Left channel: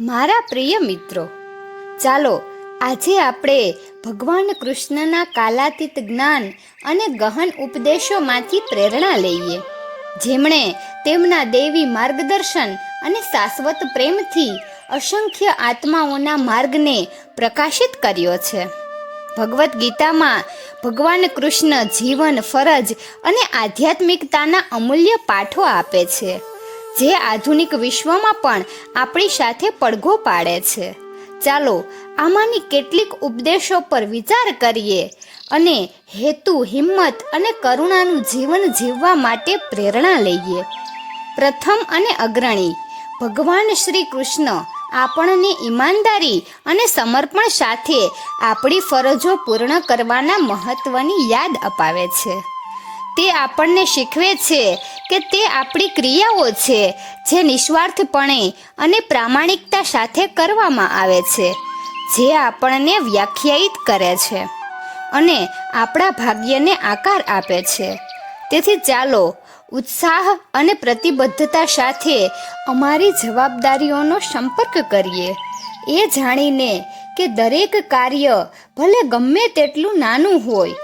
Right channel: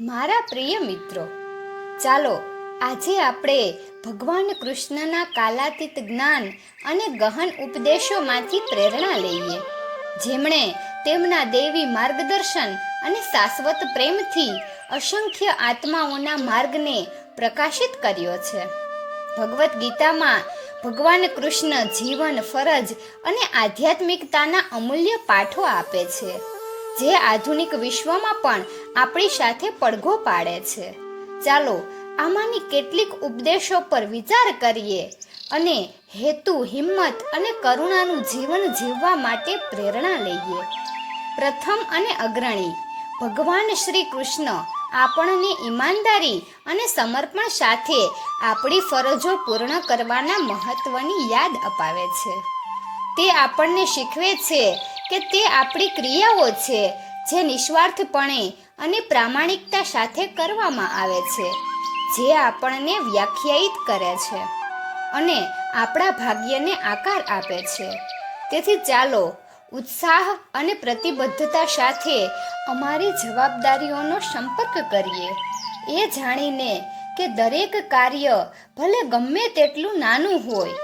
મારા પ્રિય મિત્રો, ચાલો આજે આપણે ભગવાન કૃષ્ણના કાલાતીત જ્ઞાન અને ગહન ઉપદેશોમાંથી પ્રેરણા લઈએ, જેમણે તેમના દૈવી માર્ગદર્શન અને શાશ્વત પ્રેમથી અસંખ્ય આત્માઓના માર્ગને પ્રકાશિત કર્યો છે. ભગવદ્ ગીતામાં ભગવાન કૃષ્ણ જીવન, ફરજ અને આધ્યાત્મિકતાના અમૂલ્ય પાઠો આપે છે, જે આધુનિક વિશ્વમાં પણ આપણી સાથે પડઘો પાડે છે. ચાલો આમાંની કેટલીક ઉપદેશો પર વિચાર કરીએ અને હેતુ, હિંમત અને કરુણાનું જીવન જીવવા માટે પ્રેરણા લઈએ. પ્રથમ અને અગ્રણી, ભગવાન શ્રી કૃષ્ણ આપણને ઈમાનદારી અને સમર્પણ સાથે આપણી ફરજો પૂર્ણ કરવાના મહત્વની યાદ અપાવે છે. તે આપણને શીખવે છે કે તે આપણી ક્રિયાઓ છે જે નિસ્વાર્થપણે અને પ્રામાણિકતા સાથે કરવામાં આવે છે, જે આપણને વ્યાખ્યાયિત કરે છે અને આપણા ભાગ્યને આકાર આપે છે. તેથી ચાલો ઉત્સાહ અને પ્રતિબદ્ધતા સાથે અમારી જવાબદારીઓનો સંપર્ક કરીએ, એ જાણીને કે દરેક કાર્ય ભલે ગમે તેટલું નાનું હોય,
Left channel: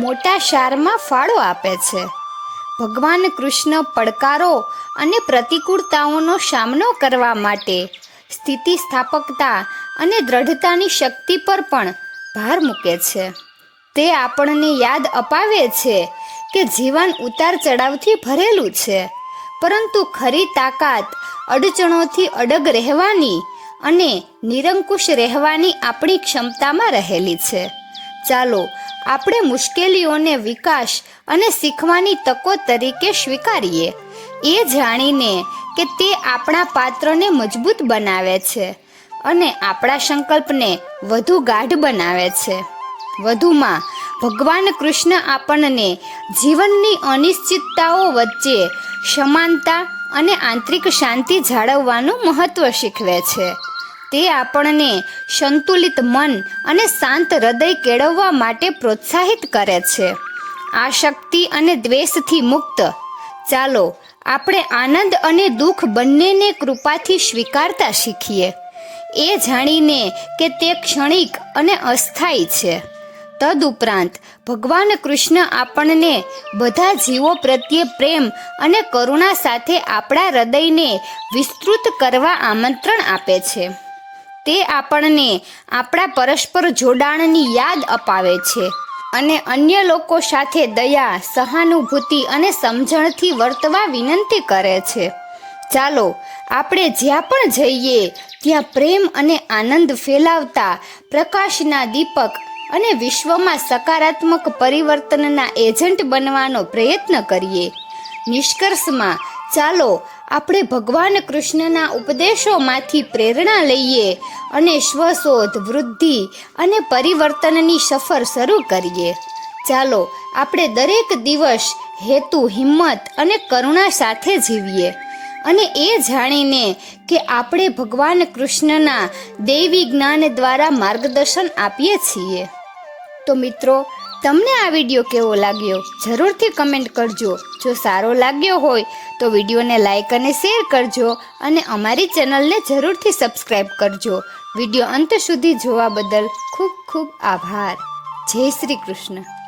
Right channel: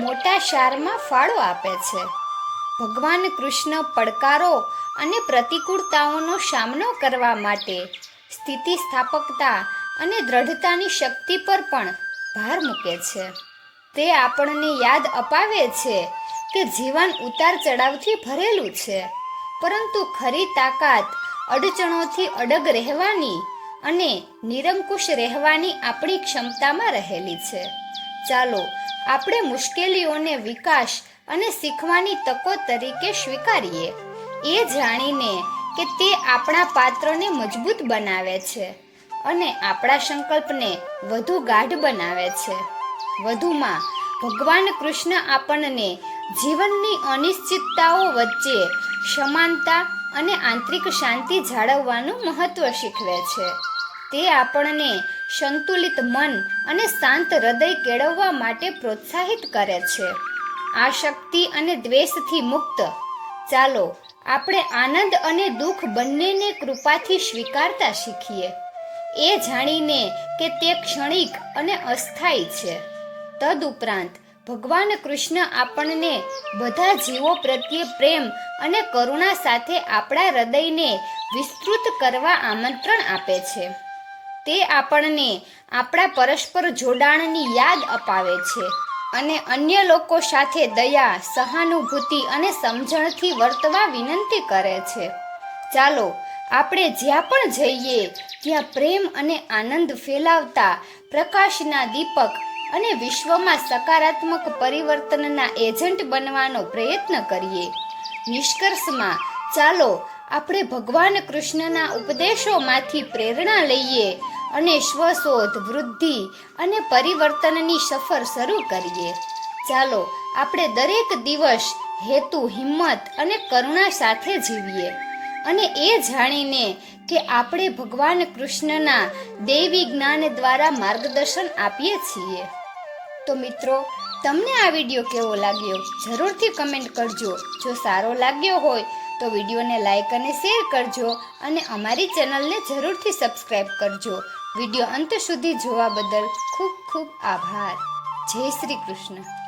મોટા સારમાં ફાળો આપે છે. ભગવાન કૃષ્ણ પડકારો અને પ્રતિકૂળતાઓનો સામનો કરવા માટે સ્થિતિસ્થાપકતા અને દ્રઢતાની શક્તિ પર પણ ભાર મૂકે છે. તે આપણને યાદ અપાવે છે કે જીવન ઉતાર ચઢાવથી ભરેલું છે, પરંતુ ખરી તાકાત અડચણોથી અડગ રહેવાની અને નિરંકુશ રહેવાની આપણી ક્ષમતામાં રહેલી છે. ચાલો આપણે મુશ્કેલીઓને વિકાસ અને શીખવાની તકો તરીકે સ્વીકારીએ, એ જાણીને કે તે આપણા પાત્રને મજબૂત બનાવે છે અને આપણા સંકલ્પને વધુ ગાઢ બનાવે છે. વધુમાં ભગવાન કૃષ્ણ આપણને જીવનની અનિશ્ચિતતાઓ વચ્ચે સમાનતા અને આંતરિક શાંતિ જાળવવાનું મહત્વ શીખવે છે. તે આપણને સંતુલિત મન અને શાંત હૃદય કેળવવા માટે પ્રોત્સાહિત કરે છે. આસક્તિ અને દ્વેષથી મુક્ત, ચાલો આપણે આનંદ અને દુઃખ બંનેને કૃપાથી સ્વીકારતા શીખીએ, એ જાણીને કે તે ક્ષણિક અને અસ્થાયી છે. તદુપરાંત ભગવાન કૃષ્ણ આપણને બધા જીવો પ્રત્યે પ્રેમ અને કરુણા સાથે આપણા હૃદયને વિસ્તૃત કરવા આમંત્રણ આપે છે. તે આપણને આપણા પરસ્પર જોડાણની યાદ અપાવે છે અને અન્ય લોકો સાથે દયા, સહાનુભૂતિ અને સમજણથી વર્તવા વિનંતી કરે છે. ચાલો આપણે જ્યાં પણ જઈએ ત્યાં પ્રેમ અને આનંદ ફેલાવતા પ્રકાશના દીપક અને વિશ્વમાં સકારાત્મક પરિવર્તનના એજન્ટ બનવાનો પ્રયત્ન કરીએ. નિષ્કર્ષમાં ચાલો આપણે ભગવાન કૃષ્ણના ઉપદેશોમાંથી પ્રેરણા લઈએ અને સ્વશોધ, વૃદ્ધિ અને પરિવર્તનની સફર શરૂ કરીએ. ચાલો આપણે દરેક દિવસ હેતુ, હિંમત અને કરુણા સાથે જીવીએ અને એ જાણીને કે આપણે ભગવાન કૃષ્ણના દૈવી જ્ઞાન દ્વારા માર્ગદર્શન આપીએ છીએ. તો મિત્રો, તમને આ વિડીયો કેવો લાગ્યો જરૂરથી કમેન્ટ કરજો. જો સારો લાગ્યો હોય તો વિડીયોને લાઈક અને શેર કરજો અને અમારી ચેનલને જરૂરથી સબસ્ક્રાઈબ કરજો. વિડીયો અંત સુધી જોવા બદલ ખૂબ ખૂબ આભાર. જય શ્રી કૃષ્ણ.